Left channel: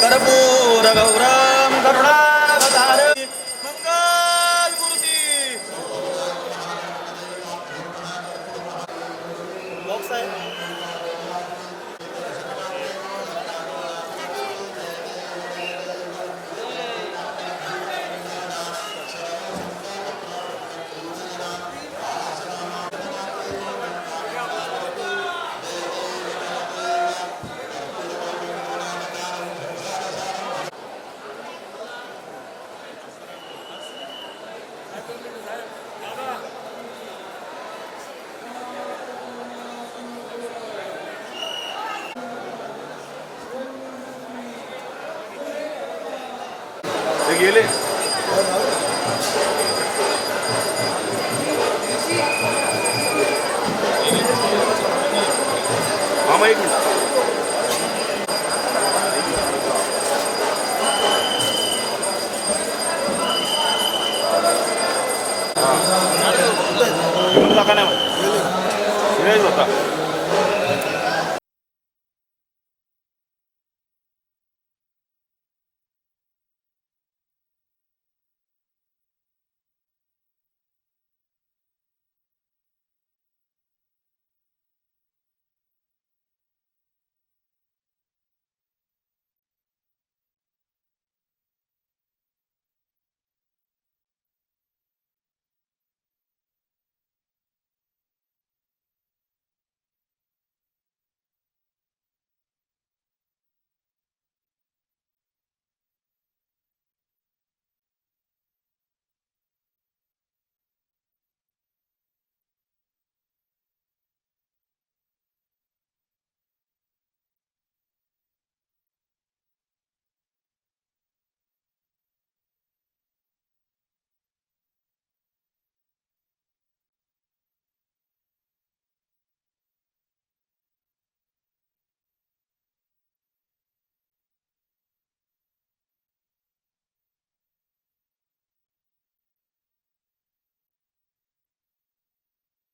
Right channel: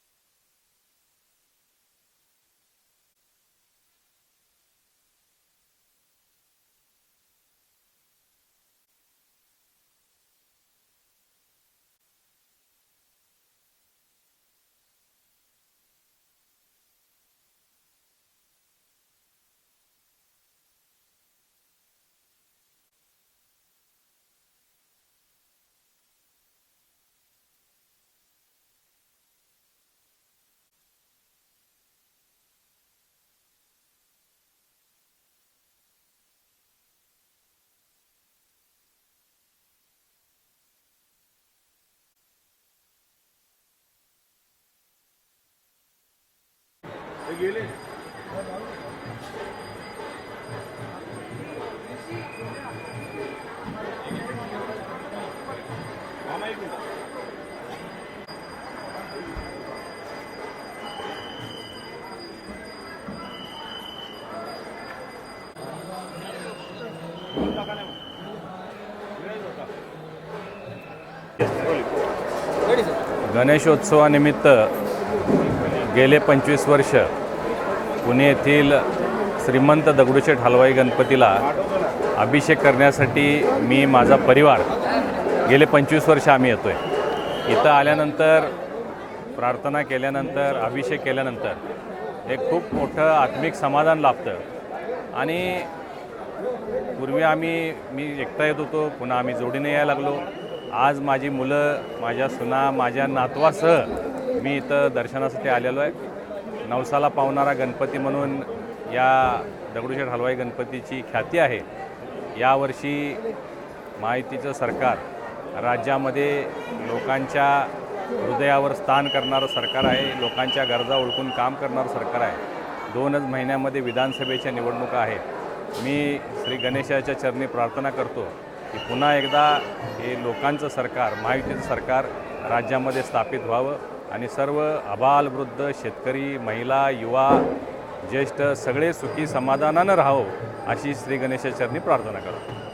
कर्पूर गौरम करुणावतार। मंगल मूर्ती। बॉक्स आहे गेले. एक मिनिट. गणेशोत्सवानिमित्त गेले पंचवीस वर्ष पुणे येथील श्रीमंत दगडूशेठ हलवाई गणपतीला अभिषेक करण्यासाठी मी माझा परिवार गेले पंचवीस वर्ष आम्ही येतो आहे इथं आल्यानंतर प्रार्थना केल्यानंतर अभिषेक केल्यानंतर एक खूप मोठं आत्मिक समाधान लाभतं. आणि पूर्वी आम्ही मी एकटा येत होतो पुन्हा आम्ही जोडीने यायला लागलो. आज माझी मुलं माझ्या सुना माझ्या नातवासह मी इथं दर्शनासाठी आलेलो आहे. नवसाला पावणारा गणपती म्हणून या दगडूशेठ हलवाई गणपतीची ख्याती आहे. यावर्षी माहितीचं सरकार राज्यामध्ये लोकांच्या हृदयावर स्थान करणारं सरकार आहे लोकांच्या गरजा ओळखून काम करणारं सरकार आहे. दोनच महिन्यामध्ये विधानसभेच्या निवडणुका आहेत. मी श्री गणेशाच्या चरणी प्रार्थना करतो की पुन्हा एकदा हे लोकांचं सरकार महायुतीचं सरकार राज्यामध्ये स्थापित व्हावं. आणि सर्व अबालवृद्ध शेतकरी महिला युवा ज्येष्ठ सगळे सुखी समाधानानं राहावं अशी श्री गणेशाचरणी प्रार्थना करतो.